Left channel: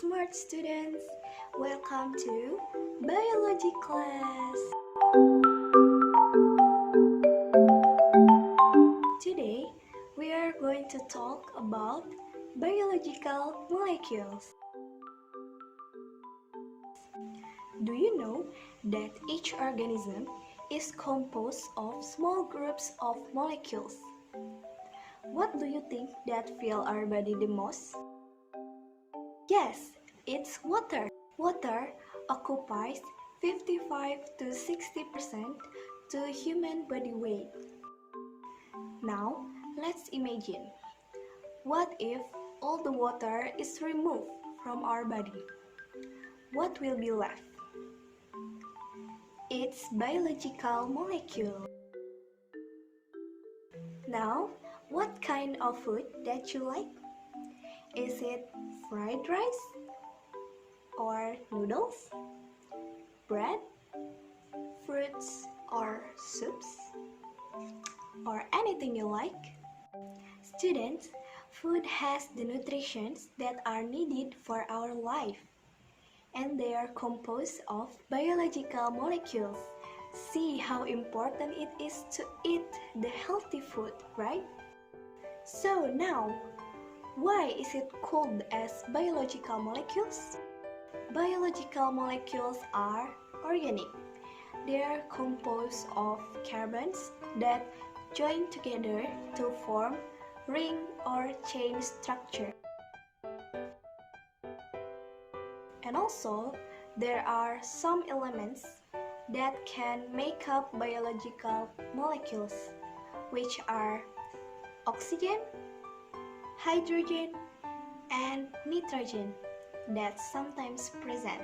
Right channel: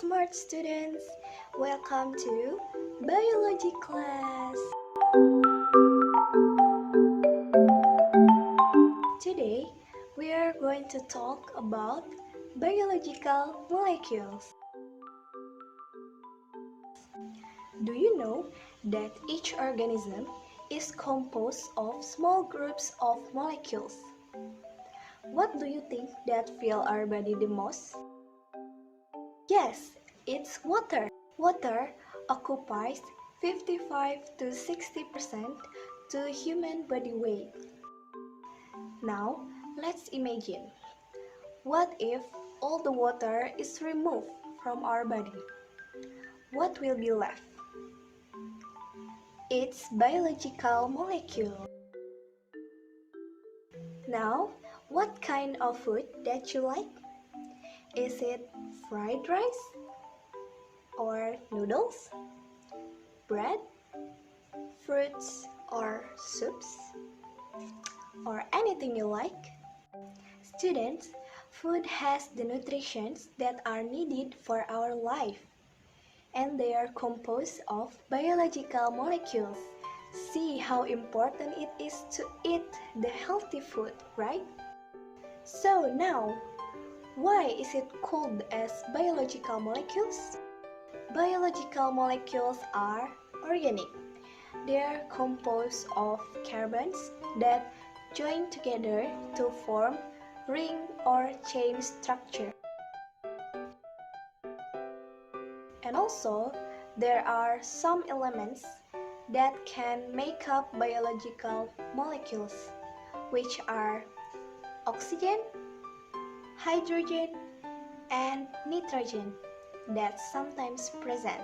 smart students! Welcome to Biology class! Today, we are going to talk about biological molecules. Do you know that each organism is composed of small groups of molecules? What do you think that fill our body the most? Yes, it's water. Water occupies 55 to 60% to human body weight. Now, let's imagine. What if all the water is removed from our body? What will be left? It's biological molecule. Now, what kind of food that you like? Is it fried rice? Or noodles? Bread? Fruits or soups? Or anything you like? Students, food has the nutrients that are needed for our life, and they are composed of biological molecules. See how important it is to eat the healthy food, right? So now, why is it called as biological molecules? Biological molecules are organic. They are composed of carbons that join together to form ring or chain structure. And also, there are some elements that can make up biological molecules, which are oxygen, hydrogen, and nitrogen that sometimes present.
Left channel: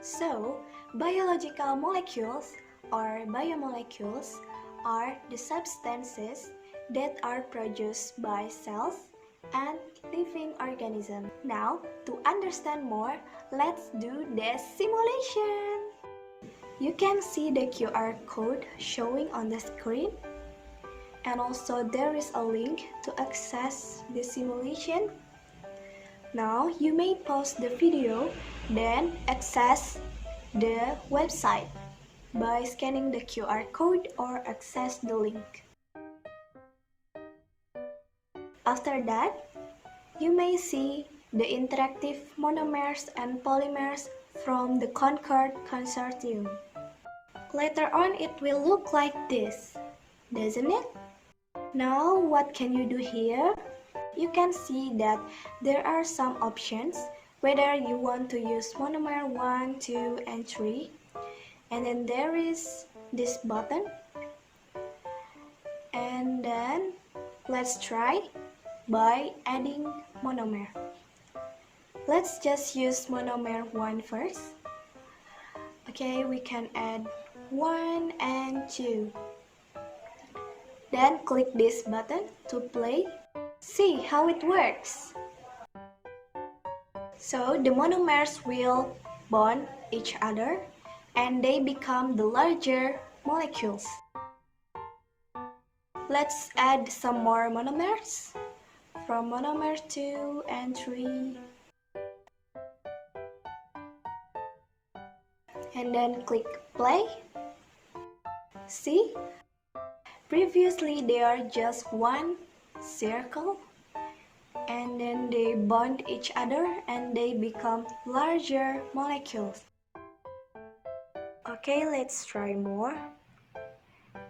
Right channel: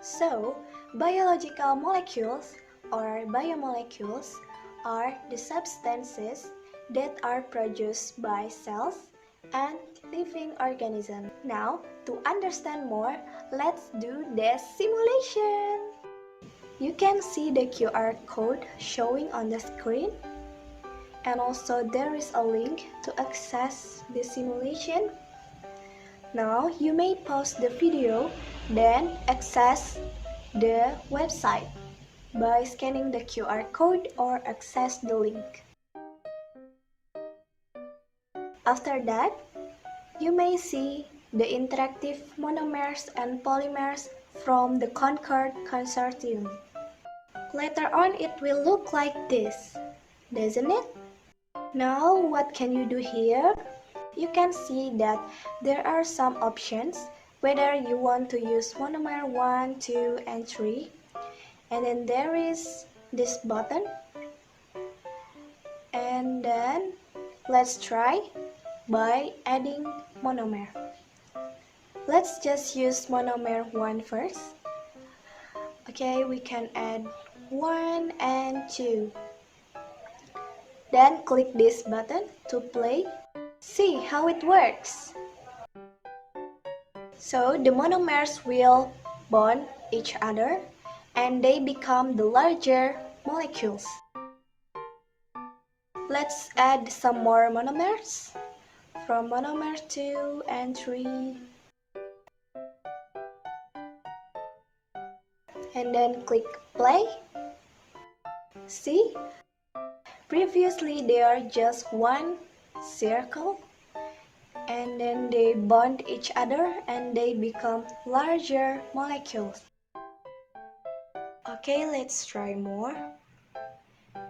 So, biological molecules or biomolecules are the substances that are produced by cells and living organisms. Now, to understand more, let's do the simulation. You can see the QR code showing on the screen, and also there is a link to access the simulation. Now, you may pause the video, then access the website by scanning the QR code or access the link. After that, you may see the interactive monomers and polymers from the Concord Consortium. Later on, it will look like this, doesn't it? Now, what can you do here? You can see that there are some options, whether you want to use monomer 1, 2, and 3. And then there is this button. And then let's try by adding monomer. Let's just use monomer 1 first. Okay, we can add 1 and 2. Then click this button to play. See how it works. So the monomers will bond each other and they become the larger molecules. Let's add some more monomers from monomer 2 and 3. And then click play. See? Previously they are just one circle, and then they bond each other and they become larger molecules. Okay, let's try more.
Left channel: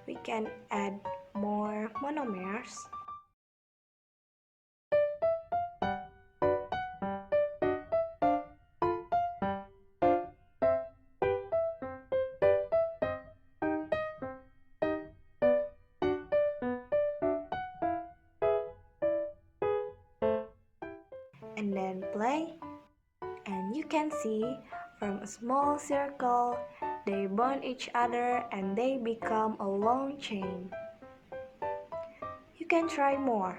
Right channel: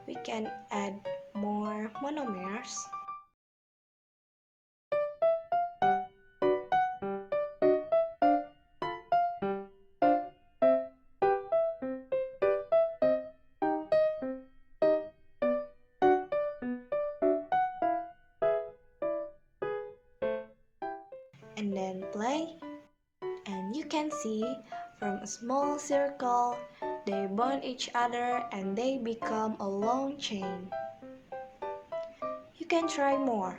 We can add more monomers. And then play, and you can see from a small circle they bond each other and they become a long chain. You can try more.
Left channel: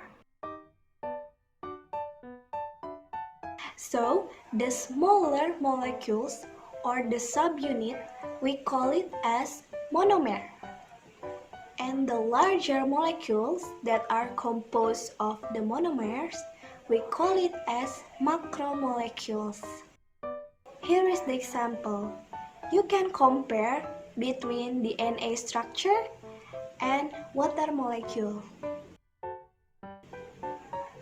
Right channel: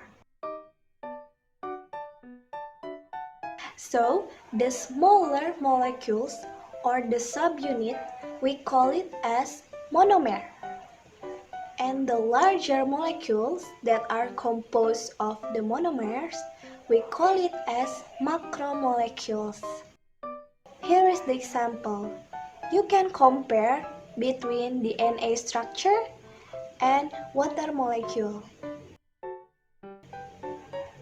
So the smaller molecules or the subunit, we call it as monomer. And the larger molecules that are composed of the monomers, We call it as macromolecules. Here is the example. You can compare between DNA structure and water molecule.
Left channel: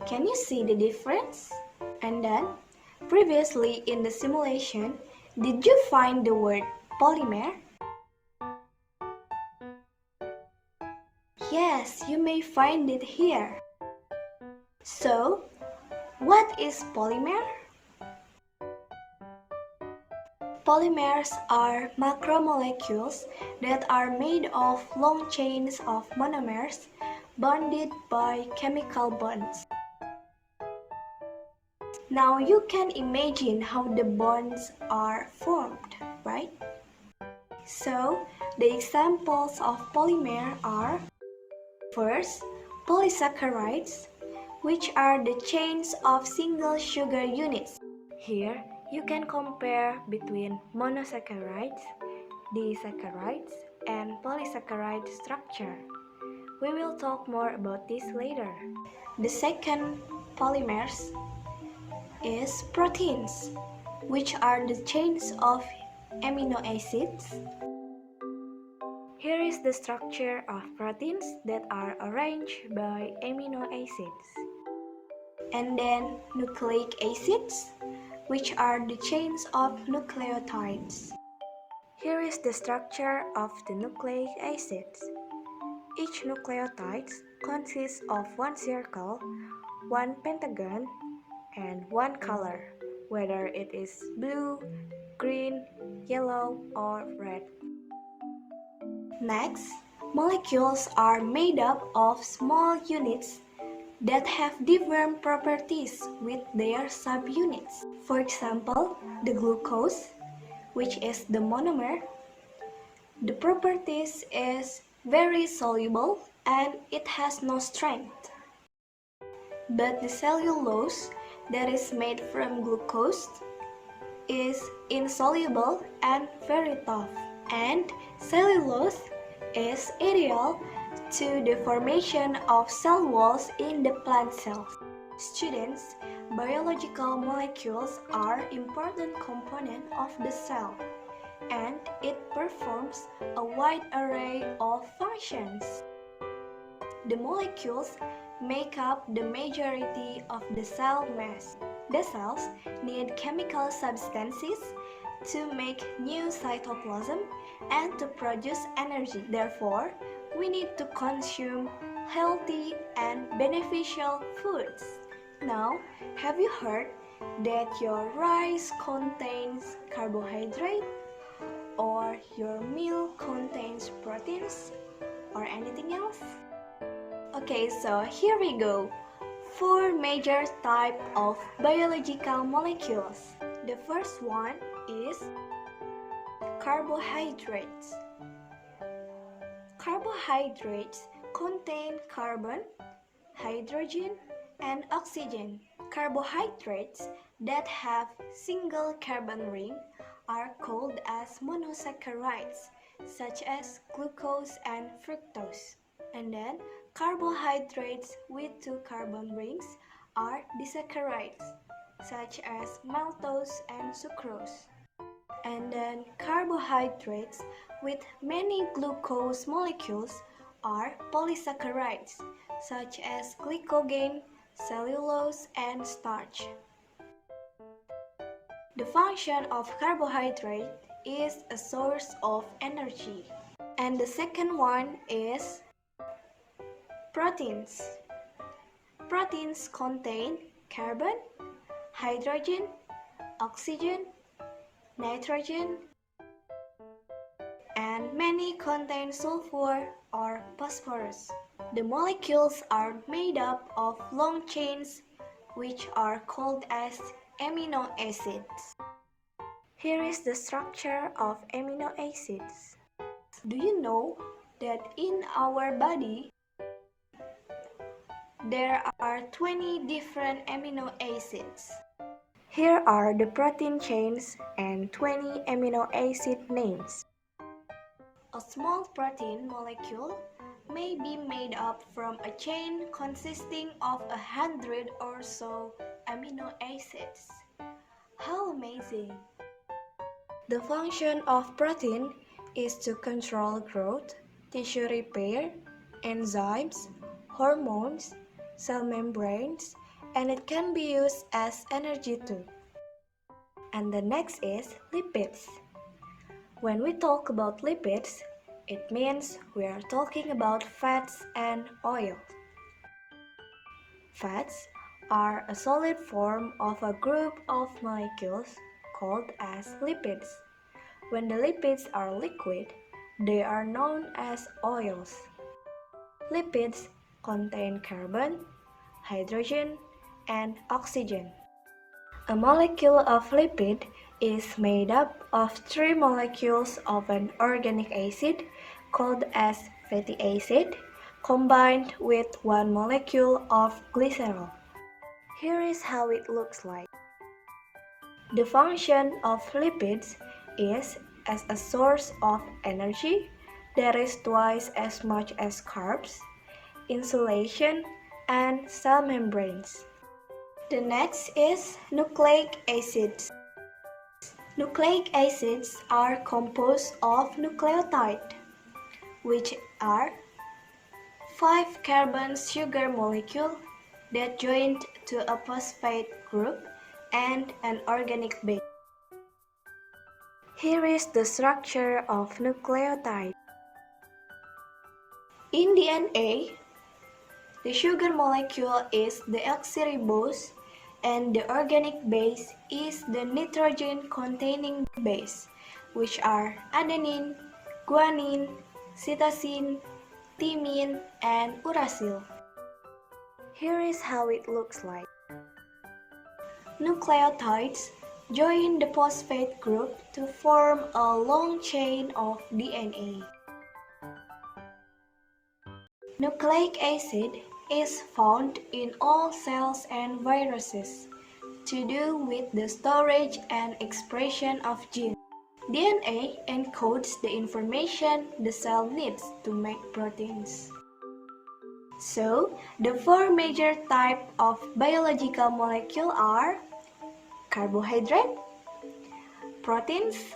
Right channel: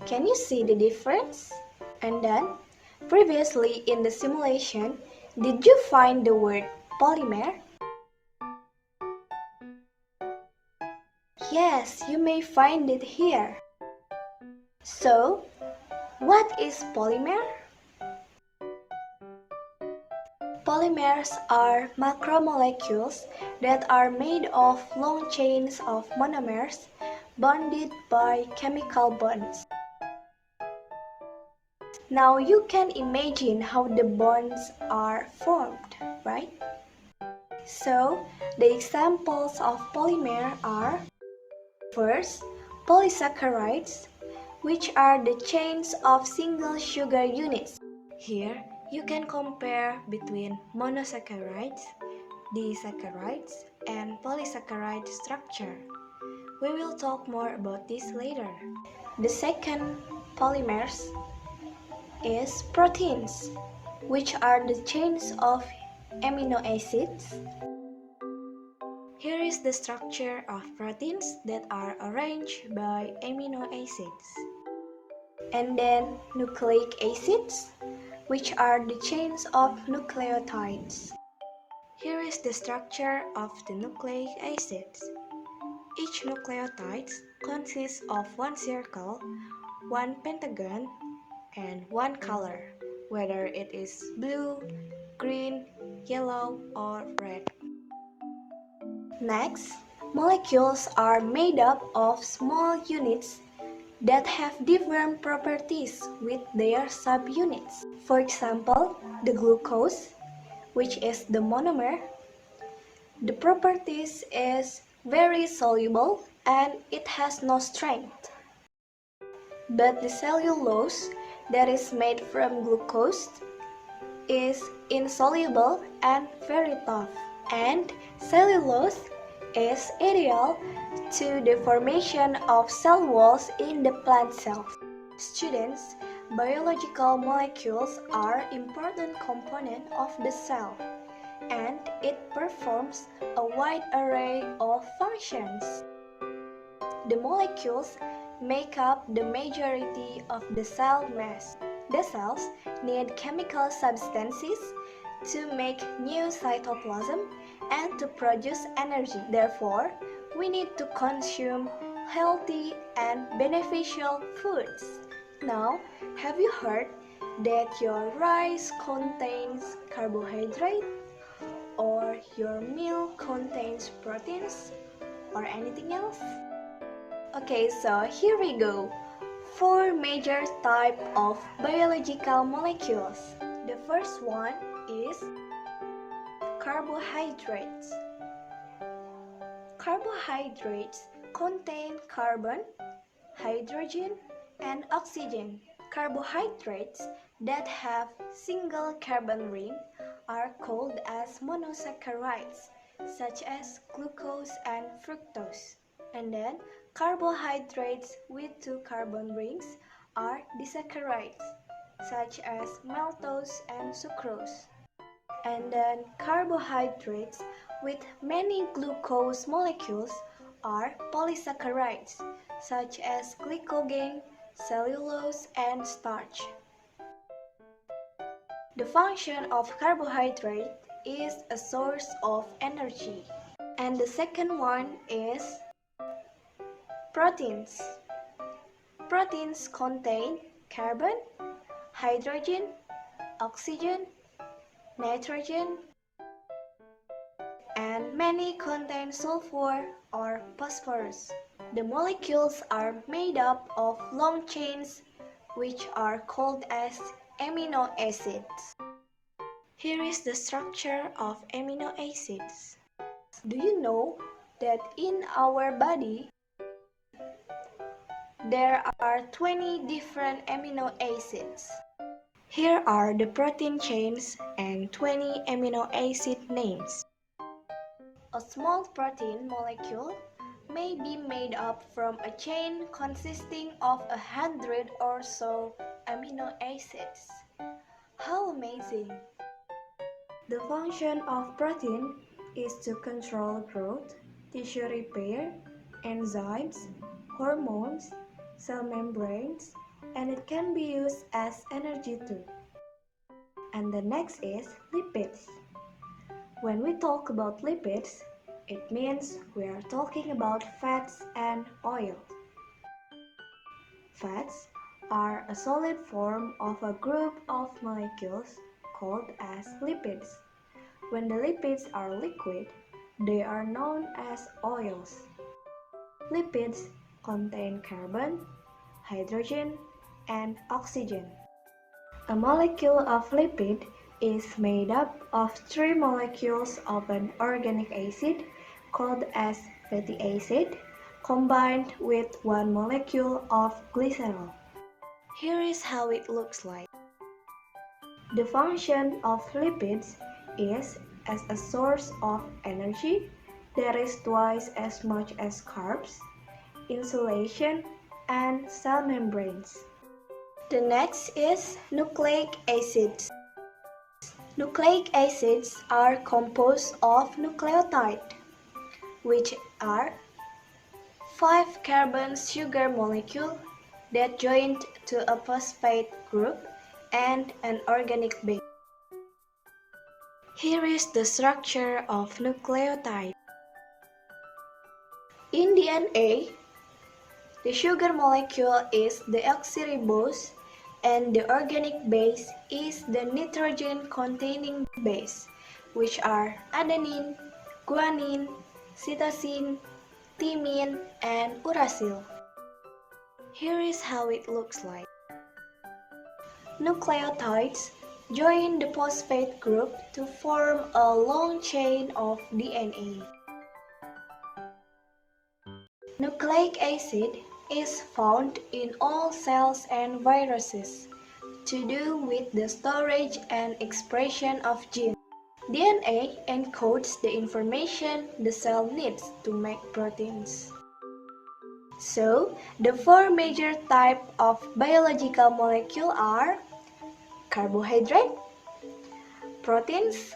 Can you see the difference? And then, previously in the simulation, did you find the word polymer? Yes, you may find it here. So, what is polymer? Polymers are macromolecules that are made of long chains of monomers bonded by chemical bonds. Now you can imagine how the bonds are formed, right? So, the examples of polymer are: first, polysaccharides, which are the chains of single sugar units. Here, you can compare between monosaccharides, disaccharides, and polysaccharide structure. We will talk more about this later. The second polymers is proteins, which are the chains of amino acids. Here is the structure of proteins that are arranged by amino acids. And then nucleic acids, which are the chains of nucleotides. Here is the structure of the nucleic acids. Each nucleotide consists of one circle, one pentagon, and one color, whether it is blue, green, yellow, or red. Next, molecules are made up of small units that have different properties with their subunits. For example, the glucose, which is the monomer, the properties is very soluble and it has no strength. But the cellulose that is made from glucose is insoluble and very tough. And cellulose is ideal to the formation of cell walls in the plant cells. Students, biological molecules are important component of the cell, and it performs a wide array of functions. The molecules make up the majority of the cell mass. The cells need chemical substances to make new cytoplasm and to produce energy. Therefore, we need to consume healthy and beneficial foods. Now, have you heard that your rice contains carbohydrate, or your milk contains proteins, or anything else? Okay, so here we go. 4 major types of biological molecules. The first one is carbohydrates. Carbohydrates contain carbon, hydrogen, and oxygen. Carbohydrates that have single carbon ring are called as monosaccharides, such as glucose and fructose. And then carbohydrates with 2 carbon rings are disaccharides, such as maltose and sucrose. And then carbohydrates with many glucose molecules are polysaccharides, such as glycogen, cellulose, and starch. The function of carbohydrate is a source of energy. And the second one is proteins. Proteins contain carbon, hydrogen, oxygen, nitrogen, and many contain sulfur or phosphorus. The molecules are made up of long chains which are called as amino acids. Here is the structure of amino acids. Do you know that in our body there are 20 different amino acids? Here are the protein chains and 20 amino acid names. A small protein molecule may be made up from a chain consisting of 100 or so amino acids. How amazing! The function of protein is to control growth, tissue repair, enzymes, hormones, cell membranes, and it can be used as energy too. And the next is lipids. When we talk about lipids, it means we are talking about fats and oils. Fats are a solid form of a group of molecules called as lipids. When the lipids are liquid, they are known as oils. Lipids contain carbon, hydrogen, and oxygen. A molecule of lipid is made up of 3 molecules of an organic acid called as fatty acid combined with 1 molecule of glycerol. Here is how it looks like. The function of lipids is as a source of energy that is twice as much as carbs, insulation, and cell membranes. The next is nucleic acids. Nucleic acids are composed of nucleotides, which are 5 carbon sugar molecules that join to a phosphate group and an organic base. Here is the structure of nucleotide. In DNA, the sugar molecule is deoxyribose and the organic base is the nitrogen-containing base, which are adenine, guanine, cytosine, thymine, and uracil. Here is how it looks like. Nucleotides join the phosphate group to form a long chain of DNA. Nucleic acid is found in all cells and viruses to do with the storage and expression of genes. DNA encodes the information the cell needs to make proteins. So, the 4 major types of biological molecules are carbohydrate, proteins,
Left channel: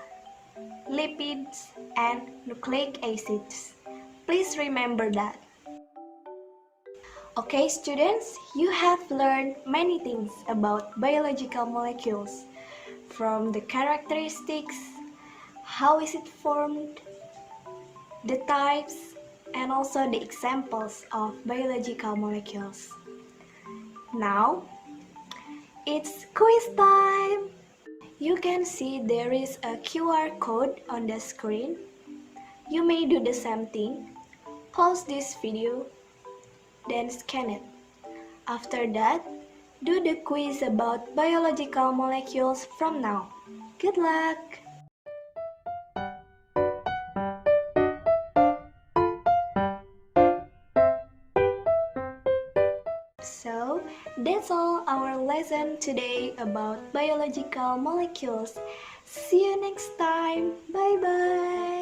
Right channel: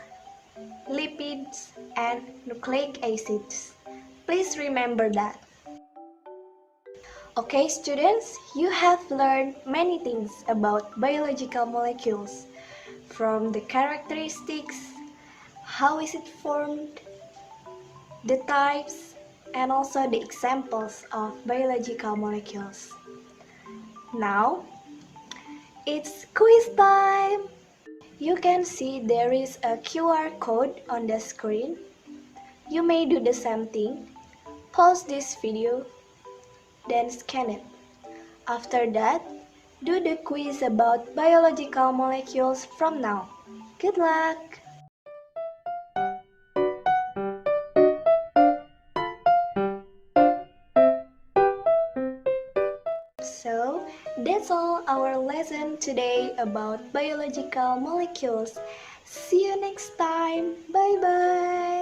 lipids, and nucleic acids. Please remember that. Okay, students, you have learned many things about biological molecules, from the characteristics, how is it formed, the types, and also the examples of biological molecules. Now, it's quiz time! You can see there is a QR code on the screen. You may do the same thing. Pause this video, then scan it. After that, do the quiz about biological molecules from now. Good luck! So, that's all our lesson today about biological molecules. See you next time. Bye bye.